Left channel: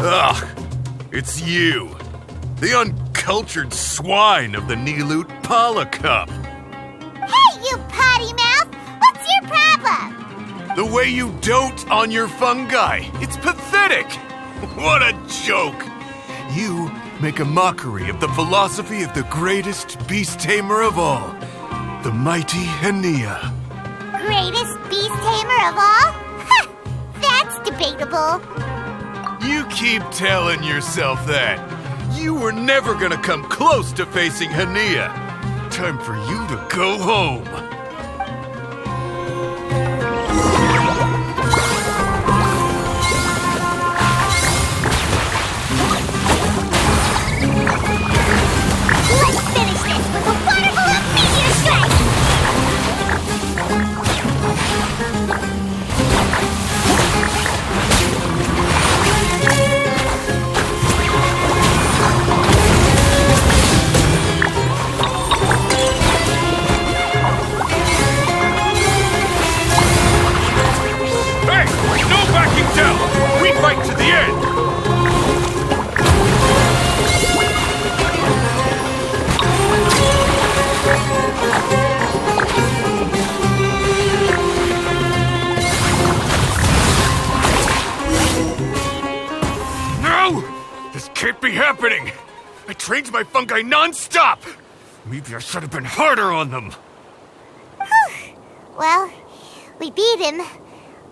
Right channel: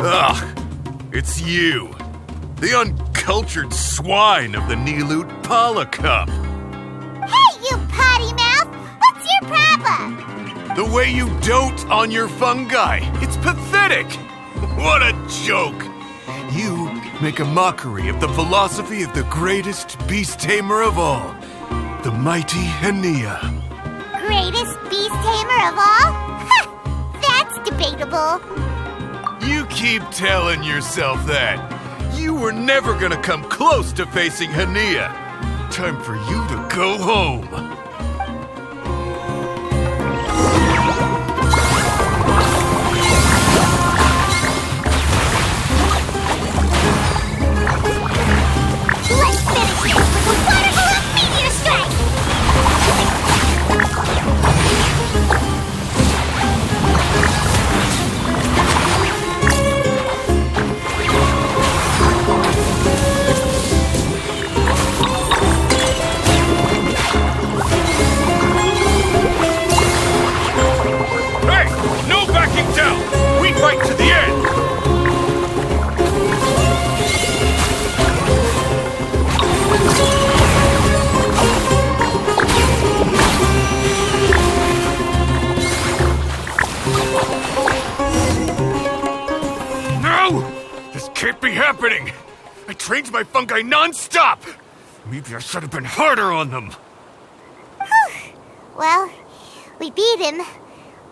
Ugh, it's you. The uncultured swine of the Nilut Pala Cup. Hey, you potty mouth! What's your problem? The way you dote on your fungi. It's pathetic. What a joke. You make a mockery of the philosophy of the greatest beast tamer of all, the mighty Hania. Greatest beast tamer of all? Ha! That's debatable. You keep telling yourself that. You were never gonna come close to facing Hania. Time for you to go home. Let's finish this with a water balloon meteor strike! Hey! No backing down! We fight to the end! No! This can't be happening! I trained my fungi non-stop! Maybe I should have been harder on them. Well, we beat him,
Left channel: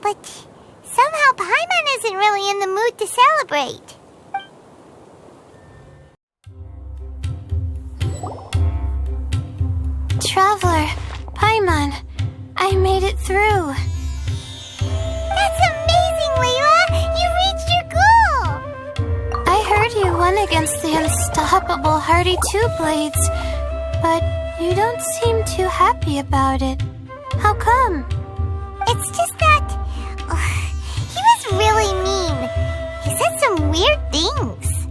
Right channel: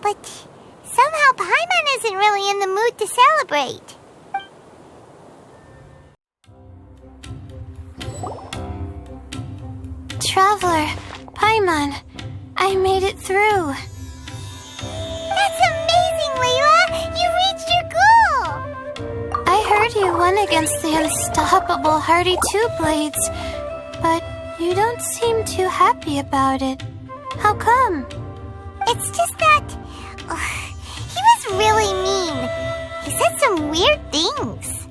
but somehow Paimon isn't really in the mood to celebrate. Traveler, Paimon, I made it through. That's amazing, Layla! You reached your goal! I heard you won against the unstoppable Hardy Two Blades, but you don't seem too happy about it. How come? It's just that... he was really mean. He said some weird things.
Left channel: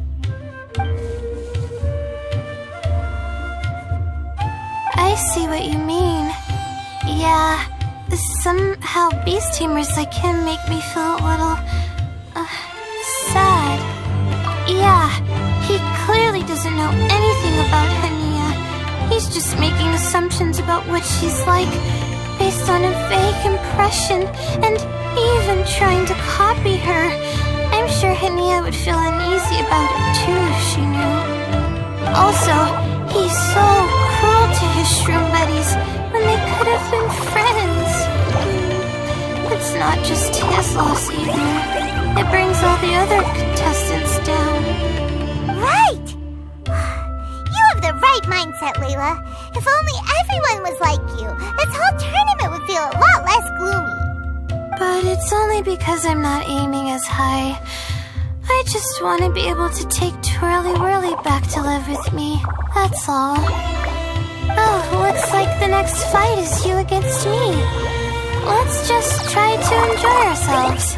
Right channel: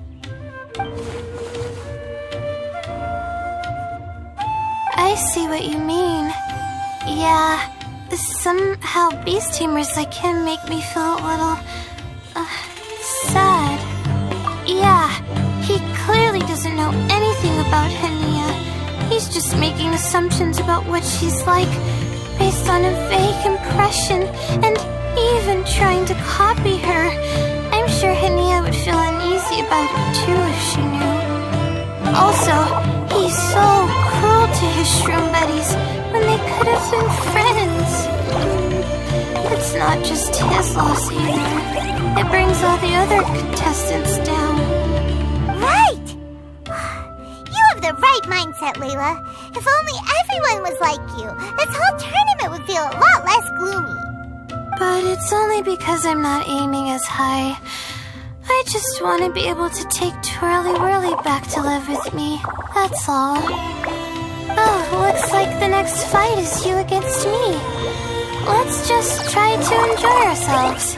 I see what you mean. Yeah, somehow beast tamers like him make me feel a little... sad. Yeah, he clearly doesn't know anything about Hania. He's just making assumptions about what she's like based on a vague impression, and even trying to copy her. I'm sure Hania would feel uneasy about it too if she knew. Also, he's so cruel to his shroom buddies when they could have been friends. It's not just his loss either. It brings all the other contestants down. Right! You have the right mindset, Layla. If only everyone was like you, this whole tournament would feel a lot less gloomy. But it's only because I'm not aiming as high. I just want to be able to take Twirly Whirly back to live with me. That's all. Oh, looks like the next fight is you against me. Let's just try to enjoy ourselves.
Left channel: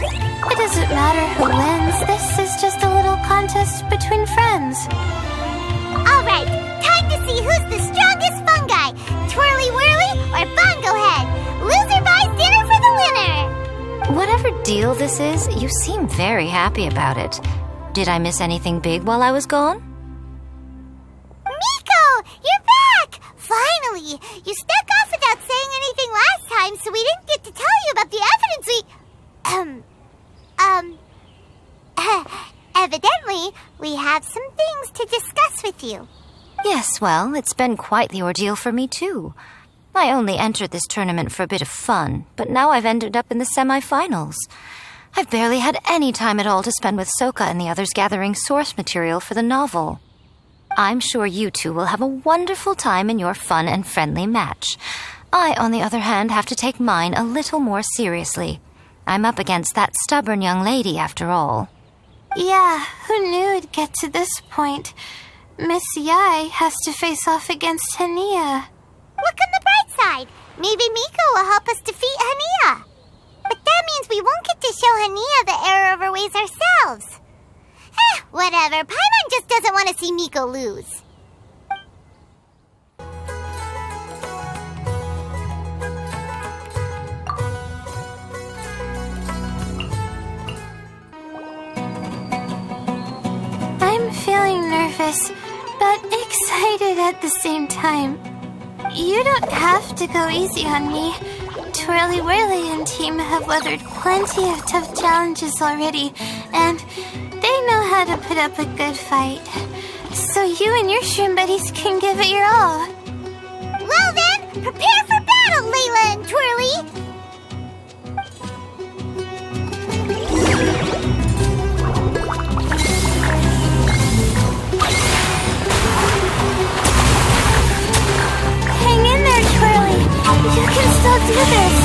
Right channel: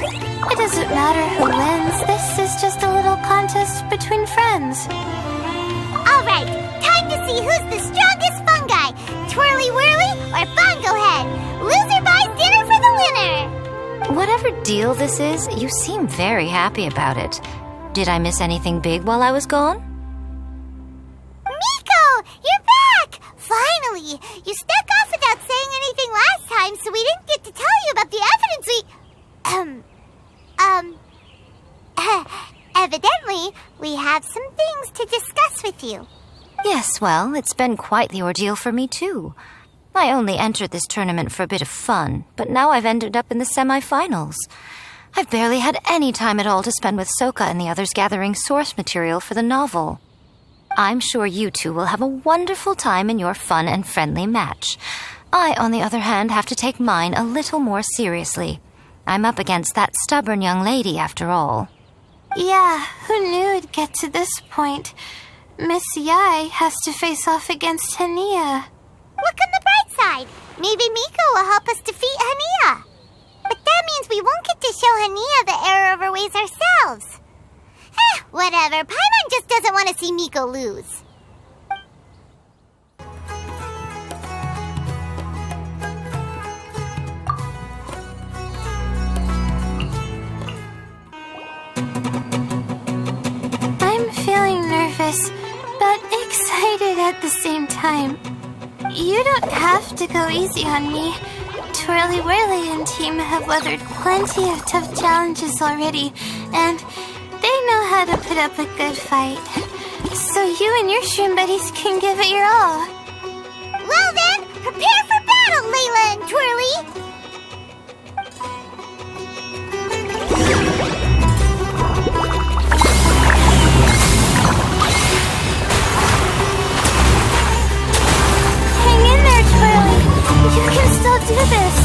It doesn't matter who wins. This is just a little contest between friends. All right, time to see who's the strongest fungi, Twirly Whirly or Bongo Head. Loser buys dinner for the winner. Whatever deal this is, you seem very happy about it. Did I miss anything big while I was gone? Miko, you're back! Finally! You snuck off without saying anything last time, so we didn't get to tell you about the evidence evidently, we have some things to discuss with you. Yes, well, it's been quite the ordeal for me too. I only entered this tournament for a bit of fun, but now I've ended up in the semi-finals. I've barely had any time at all to spend with Soka and the others gathering source material for the novel. I'm sure you two will have a wonderful time in your fun and friendly match. I, on the other hand, have to take mine a little more seriously. I'm up against that stubborn young lady, after all. Yeah, who knew it'd get to this point? Miss Yai has to face off against Hania. Look on the bright side. Maybe Miko will help us defeat Hania. But that means we won't get to show Hania the error of our ways ourselves. Whatever. Paimon just doesn't want to see Miko lose. excited at the same time. You don't have to go easy on me. Twirly Whirly and team have weathered plenty of tough challenges already, and they know how to put up a good fight. So you and your shroom buddies can give it your all. Well then, prepare for battle, Layla and Twirly! Hang in there, Twirly. You can still do this.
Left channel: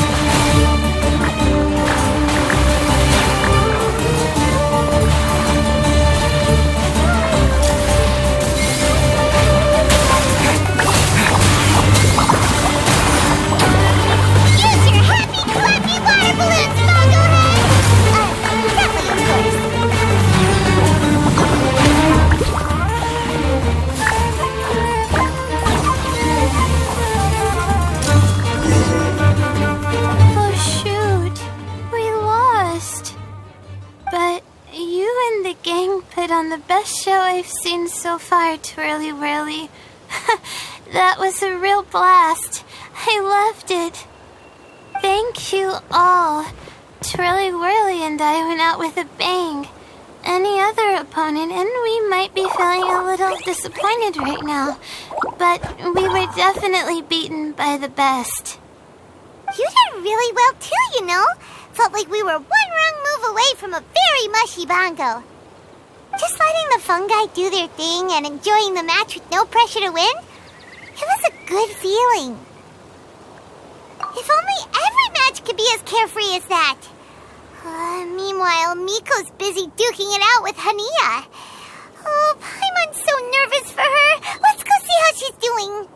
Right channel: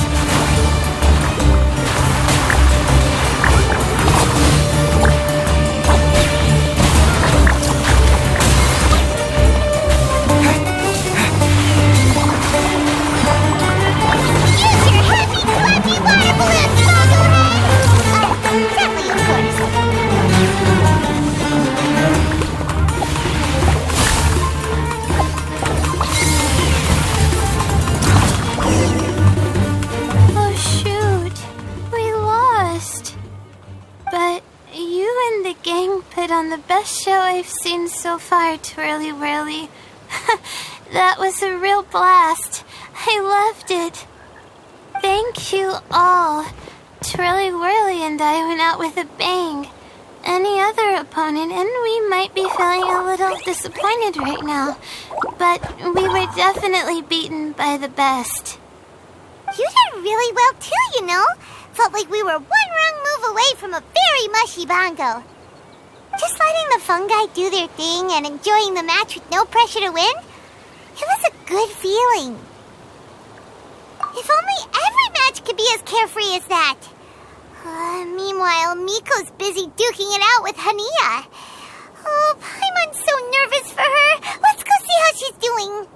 Use your happy, clappy water balloons, Mogglehead! Gently, of course. Oh, shoot. We lost. But you and the gang put on the best show I've seen so far, Twirly Whirly. That was a real blast. I loved it. Thank you all. Twirly Whirly and I went out with a bang. Any other opponent, and we might be feeling a little disappointed right now, but we were definitely beaten by the best. You did really well too, you know. Felt like we were one wrong move away from a very mushy bongo. Just letting the fungi do their thing and enjoying the match with no pressure to win, it was a good feeling. If only every match could be as carefree as that. Meanwhile, Miko's busy duking it out with Hania. Oh, Paimon's so nervous for her. Let's go see how she's doing.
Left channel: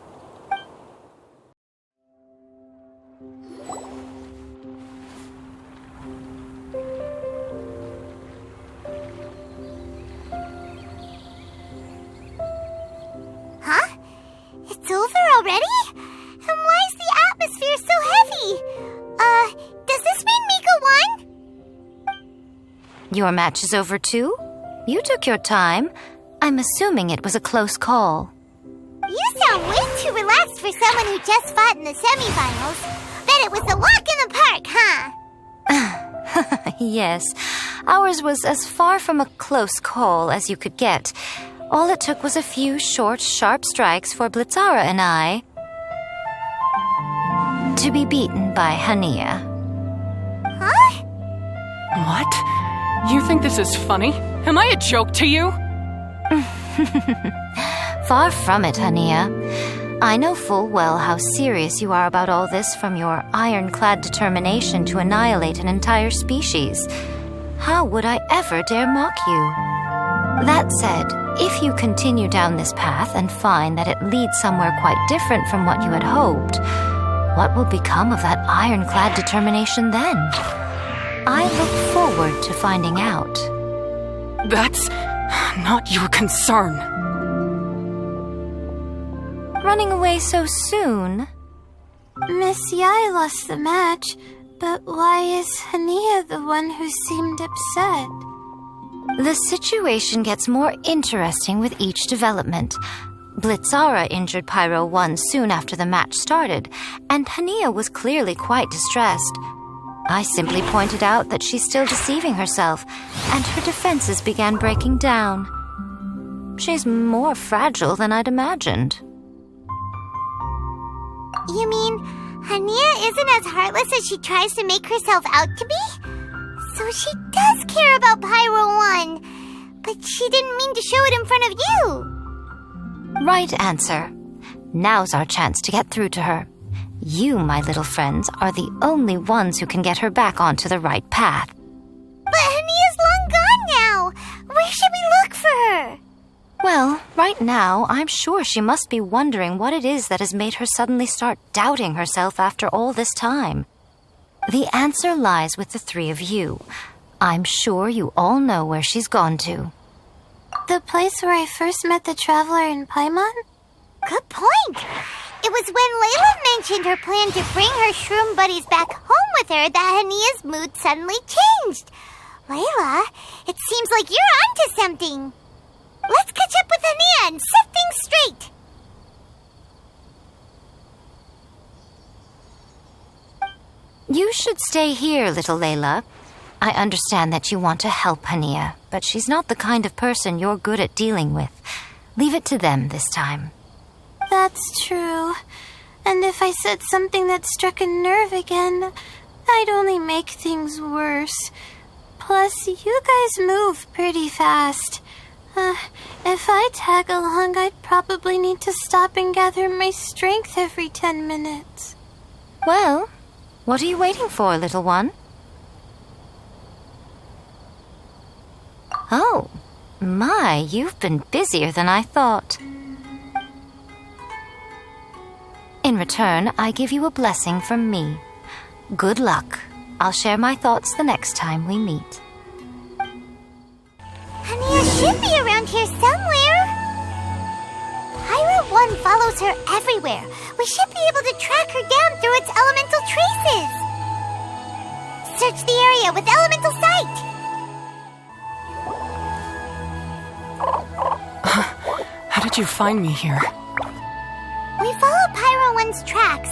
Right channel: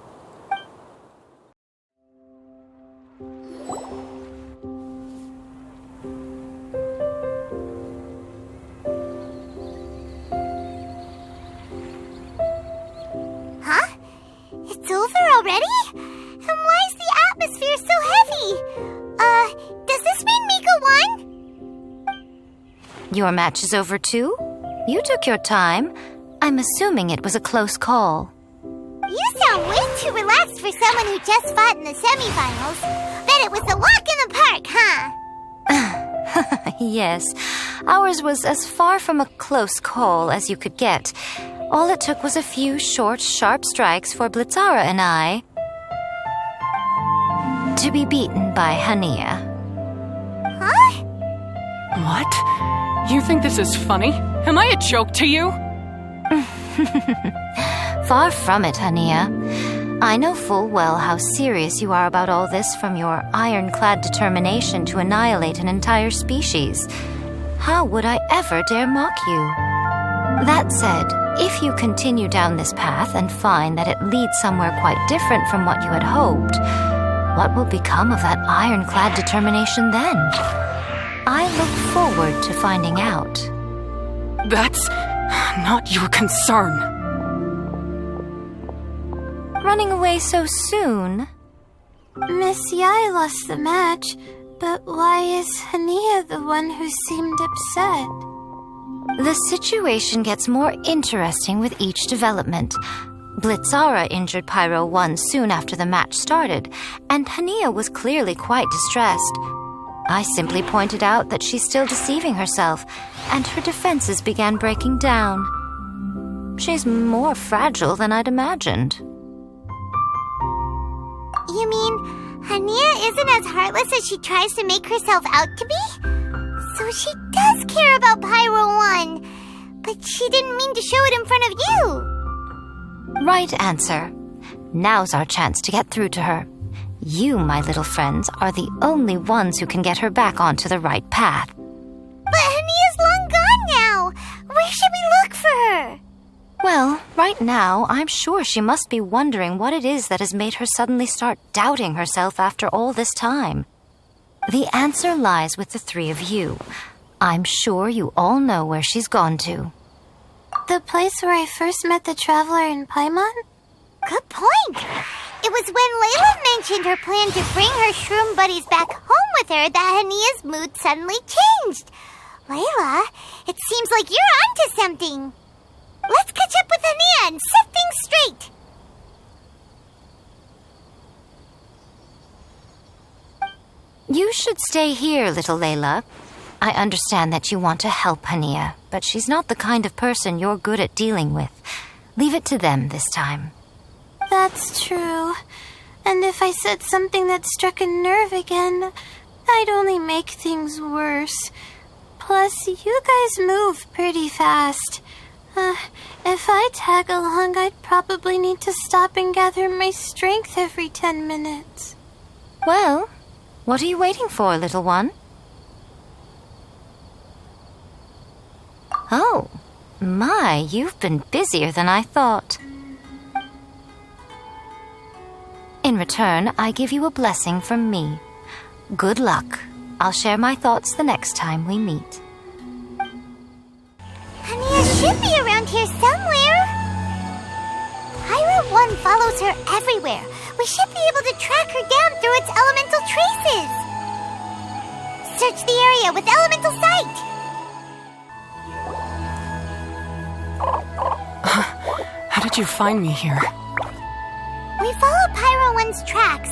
Huh? It's over already? And why is the atmosphere so heavy? Does this mean Miko won? Your match is over too? You took your time. I'm assuming it was a close call. You sound way too relaxed for someone who just fought in the semifinals. Bet it was a walk in the park, huh? Yes, ours was as far from a close call as you could get. All it took was a few short, sharp strikes for Blitzara and I to be beaten by Hania. Huh? What? You think this is funny? Am I a joke to you? Far from it, Hania. I know full well how serious you are about all this, from your ironclad determination to annihilate an entire species. How would I ever dare mock you? That said, if you continue down this path and find that it leads somewhere quite different from what you had hoped, what will become of that ironclad determination then? I look forward to finding out. That's not your concern. Running away so soon? Miss Yai lost the match, but why is Hania the one who seemed upset? The situation gets more interesting with each development. Blitzara injured Pyro 1 soon after the match started, and Hania was clearly quite distressed. I simply pointed out that she's still deceiving herself, and her defenses began breaking down. She's more fragile than I'd imagined. You mean Hania isn't as heartless as she tries to make herself out to be? So she does care about Pyro 1, but she didn't mean to show it in front of you. Right answer. Now's our chance to get through to her. You, my little friends, are the only ones who can get her back onto the right path. But Hania's long gone now. Where should we look for her? Well, right now, I'm sure she must be wondering what it is that has made her suddenly start doubting herself after all this time. The answer lies with the three of you. I'm sure you all know where she's gone to. The place where I first met the traveler in Paimon? Good point. It was when Layla mentioned her plan to bring her shroom buddies back home with her that Hania's mood suddenly changed. Layla, it seems like you're onto something. Let's catch up with Hania and set things straight. You should stay here, little Layla. I understand that you want to help Hania, but she's not the kind of person you're good at dealing with. Leave it to them this time. That's true. And if I said something that struck a nerve again, I'd only make things worse. Plus, you guys move pretty fast. If I tag along, I'd probably need to stop and gather my strength every 10 minutes. Well, what are you waiting for, little one? Oh, my, you've been busier than I thought. In return, I give you a blessing from me. Good luck. I'll share my thoughts the next time we meet. Hania should be around here somewhere. Pyro 1 follows her everywhere. We should be able to track her down through its elemental traces. Search the area with elemental sight. How did you find me here? We followed Pyro 1's tracks.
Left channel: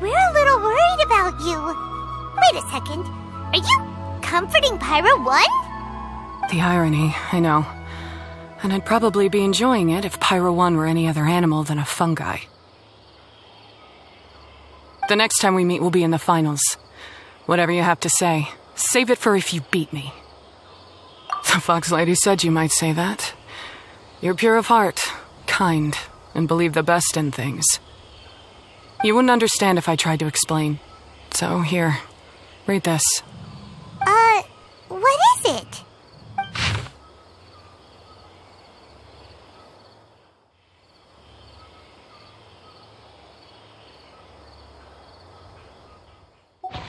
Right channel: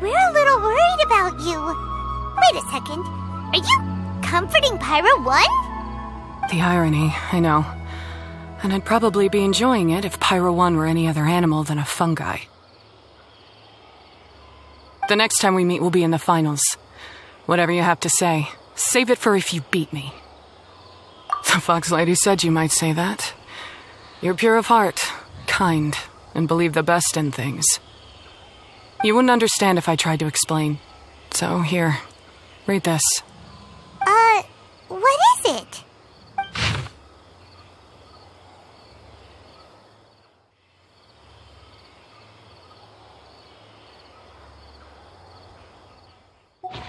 We're a little worried about you. Wait a second. Are you comforting Pyro 1? The irony, I know. And I'd probably be enjoying it if Pyro 1 were any other animal than a fungi. The next time we meet will be in the finals. Whatever you have to say, save it for if you beat me. The Fox Lady said you might say that. You're pure of heart, kind, and believe the best in things. You wouldn't understand if I tried to explain. So here, read this. What is it?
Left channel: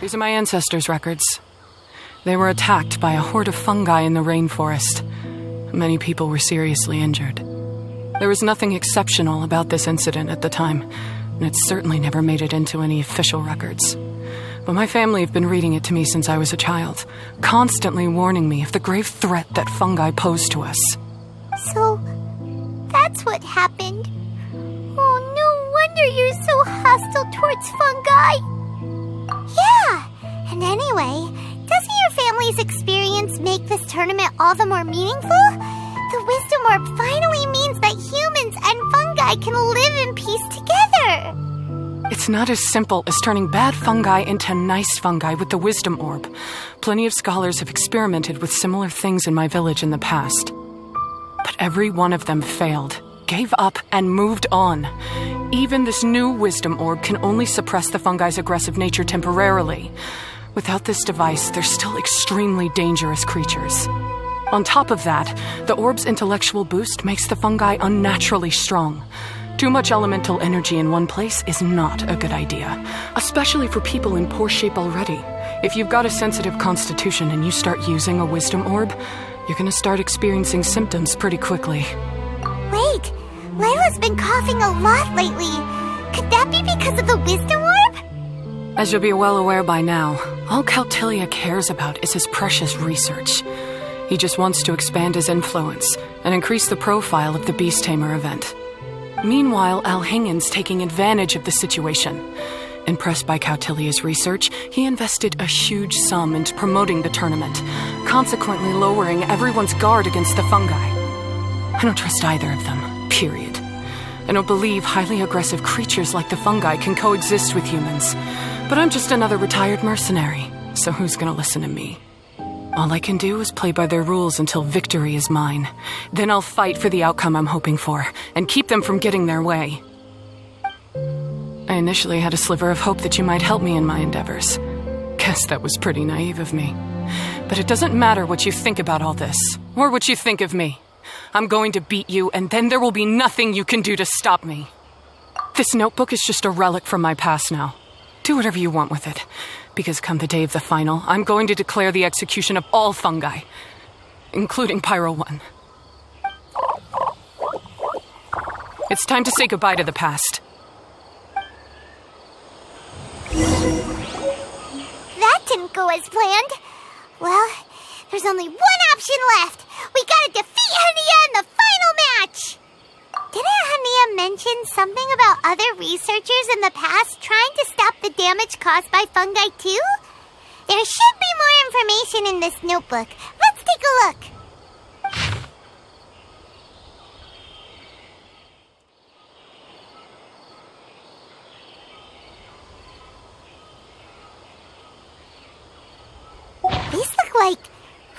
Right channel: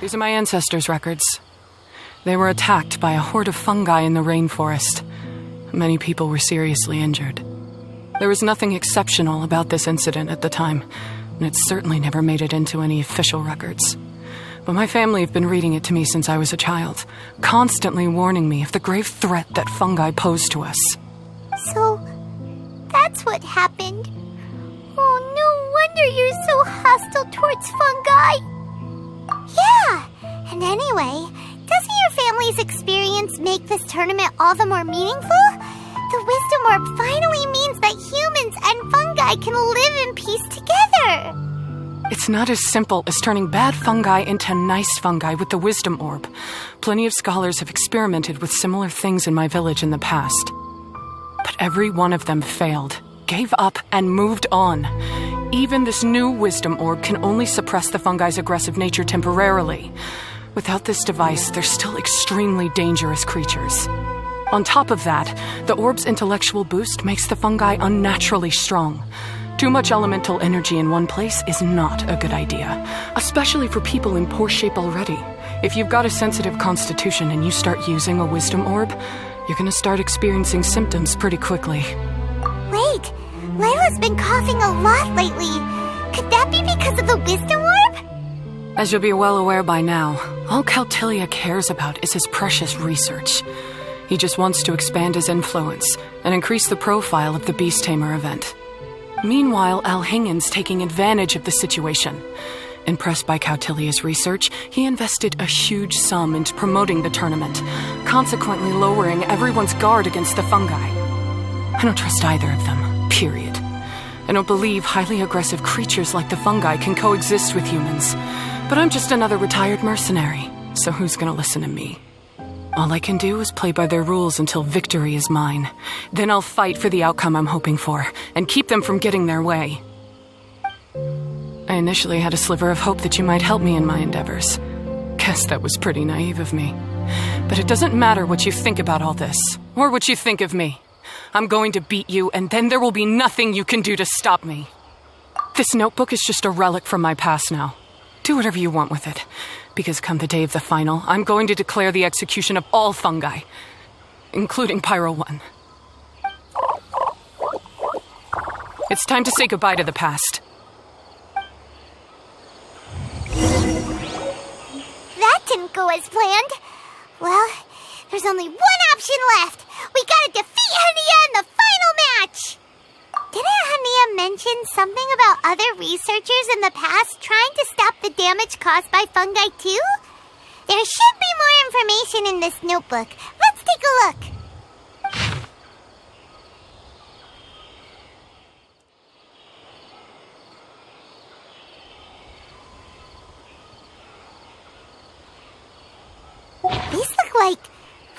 These are my ancestors' records. They were attacked by a horde of fungi in the rainforest. Many people were seriously injured. There was nothing exceptional about this incident at the time, and it certainly never made it into any official records. But my family have been reading it to me since I was a child, constantly warning me of the grave threat that fungi pose to us. So, that's what happened. Oh, no wonder you're so hostile towards fungi. Yeah, and anyway, doesn't your family's experience make this tournament all the more meaningful? The Wisdom Orb finally means that humans and fungi can live in peace together. It's not as simple as turning bad fungi into nice fungi with the Wisdom Orb. Plenty of scholars have experimented with similar things in my village in the past. But every one of them failed, gave up, and moved on. Even this new Wisdom Orb can only suppress the fungi's aggressive nature temporarily. Without this device, they're still extremely dangerous creatures. On top of that, the orb's intellectual boost makes the fungi unnaturally strong. Too much elemental energy in one place is not a good idea, especially for people in poor shape already. If you've got a sensitive constitution and you start using a Wisdom Orb, you're gonna start experiencing symptoms pretty quickly. Wait, Layla's been coughing a lot lately. Could that be because of the Wisdom Orb? As you'll be well aware by now, all Caltilia cares about is his precious research. He just wants to expand his influence and increase the profile of the Beast Tamer event. Meanwhile, Alhingen's taking advantage of the situation. Impressed by Cautilia's research, he invested a huge sum into promoting the tournament, consequently lowering everyone's guard against the fungi. I don't trust either of them, period. I don't believe highly aggressive creatures like the fungi can coexist with humans. But I'm just another retired mercenary, so who's gonna listen to me? All I can do is play by their rules until victory is mine. Then I'll fight for the outcome I'm hoping for, and keep them from getting their way. I initially had a sliver of hope that you might help me in my endeavors. Guess that was pretty naive of me. But it doesn't matter what you think about all this, or what you think of me. I'm going to beat you, and then there will be nothing you can do to stop me. This notebook is just a relic from my past now. Do whatever you want with it, because come the day of the final, I'm going to declare the execution of all fungi, including Pyro 1. It's time to say goodbye to the past. That didn't go as planned. Well, there's only one option left. We gotta defeat Hania in the final Hania mention something about other researchers in the past trying to stop the damage caused by fungi too? There should be more information in this notebook. Let's take a look. These look like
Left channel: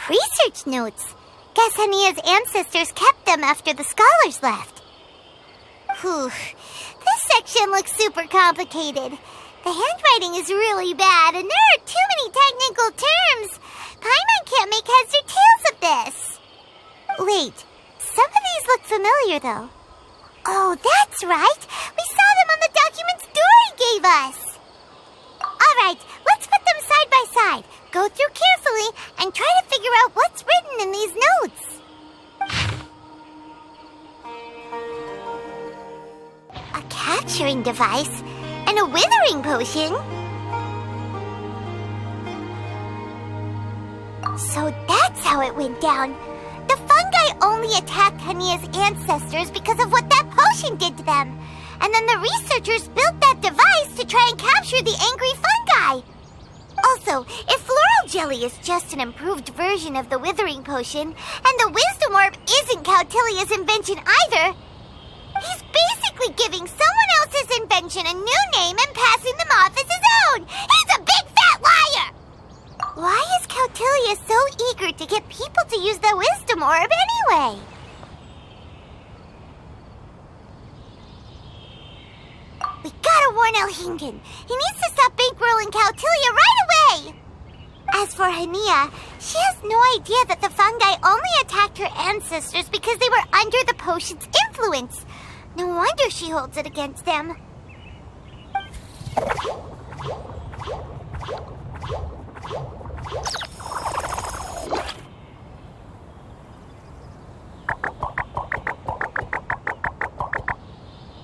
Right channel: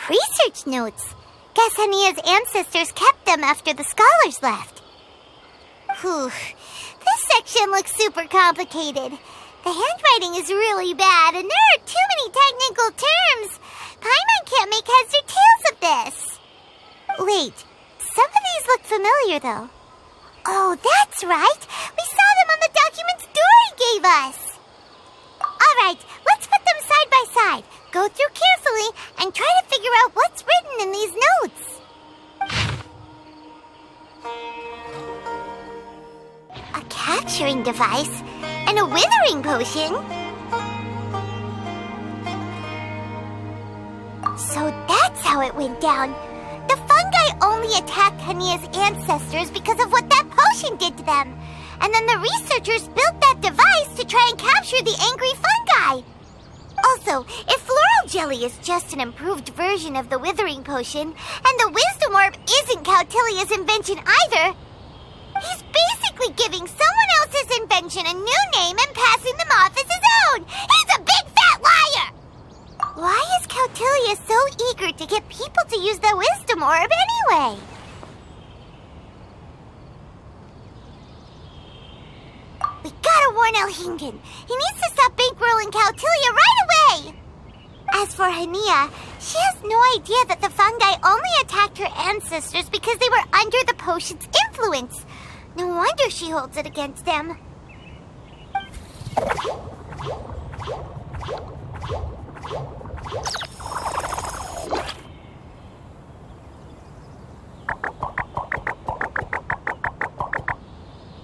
research notes. Guess Hania's ancestors kept them after the scholars left. Whew. This section looks super complicated. The handwriting is really bad, and there are too many technical terms. Paimon can't make heads or tails of this. Wait, some of these look familiar, though. Oh, that's right. We saw them on the documents Dory gave us. All right, let's put them side by side. Go through carefully and try to figure out what's written in these notes. A capturing device and a withering potion? So that's how it went down. The fungi only attacked Hania's ancestors because of what that potion did to them. And then the researchers built that device to try and capture the angry fungi. Also, if floral jelly is just an improved version of the withering potion, and the wisdom orb isn't Cautilia's invention either, he's basically giving someone else's invention a new name and passing them off as his own. He's a big fat liar! Why is Cautilia so eager to get people to use the wisdom orb anyway? We gotta warn Elhingen. He needs to stop bankrolling Cautilia right away! As for Hania, she has no idea that the fungi only attacked her ancestors because they were under the potion's influence. No wonder she holds it against them.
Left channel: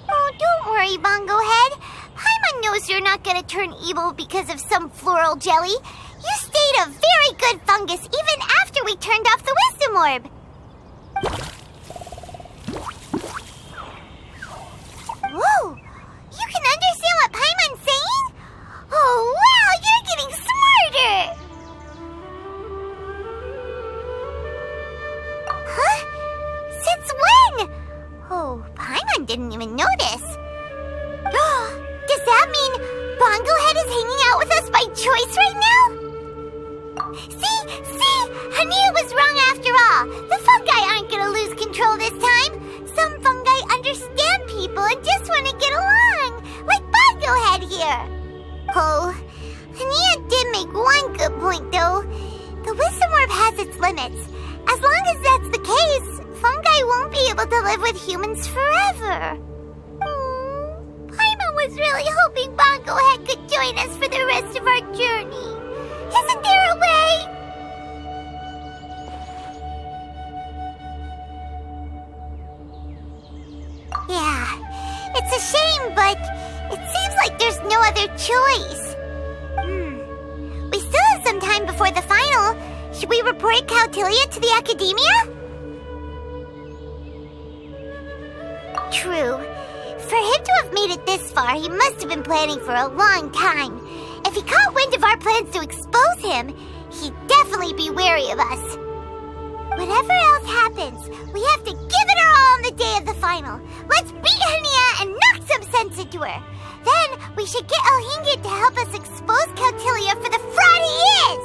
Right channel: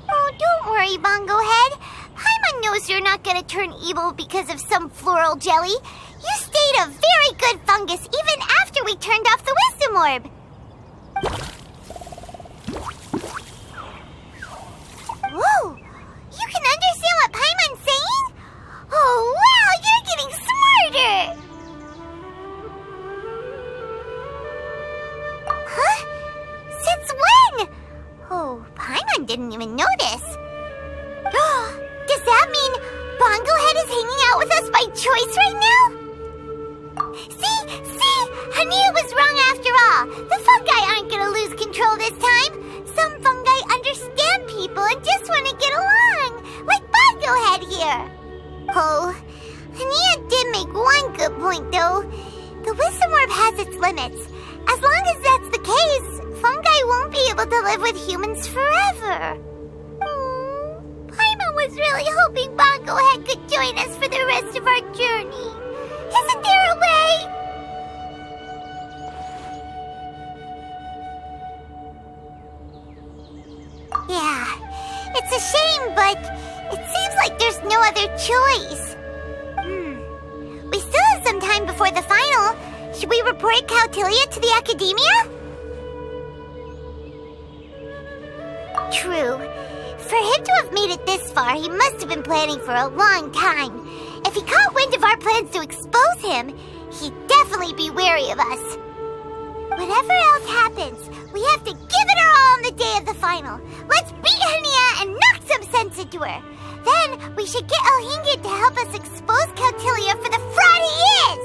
Oh, don't worry, Bongo Head. Paimon knows you're not gonna turn evil because of some floral jelly. You stayed a very good fungus even after we turned off the wisdom orb. Whoa! You can understand what Paimon's saying? Oh, wow! You're getting smarter! Huh? Since when? Oh, Paimon didn't even notice. Does that mean Bongo Head is hanging out with us by choice right now? See? Hania was wrong after all. The fungi aren't gonna lose control this time. Some fungi understand people and just want to get along, like Bongo Head here. Oh, Hania did make one good point, though. The wisdom orb has its limits. As long as that's the case, fungi won't be able to live with humans forever. Paimon was really hoping Bongo Head could join us for the rest of our journey. Isn't there a way? Yeah, it's a shame, but it seems like there's no other choice. We still have some time before the final. Should we report Cautilia to the academia? True. For him to have made it this far, he must have been planning for a long time. If he caught wind of our plans to expose him, he'd definitely be wary of us. Whatever else happens, we have to give it our all on the day of the final. Let's beat Hania and knock some sense into her. Then we should get Elhingen to help us expose Cautilia for the fraud he is!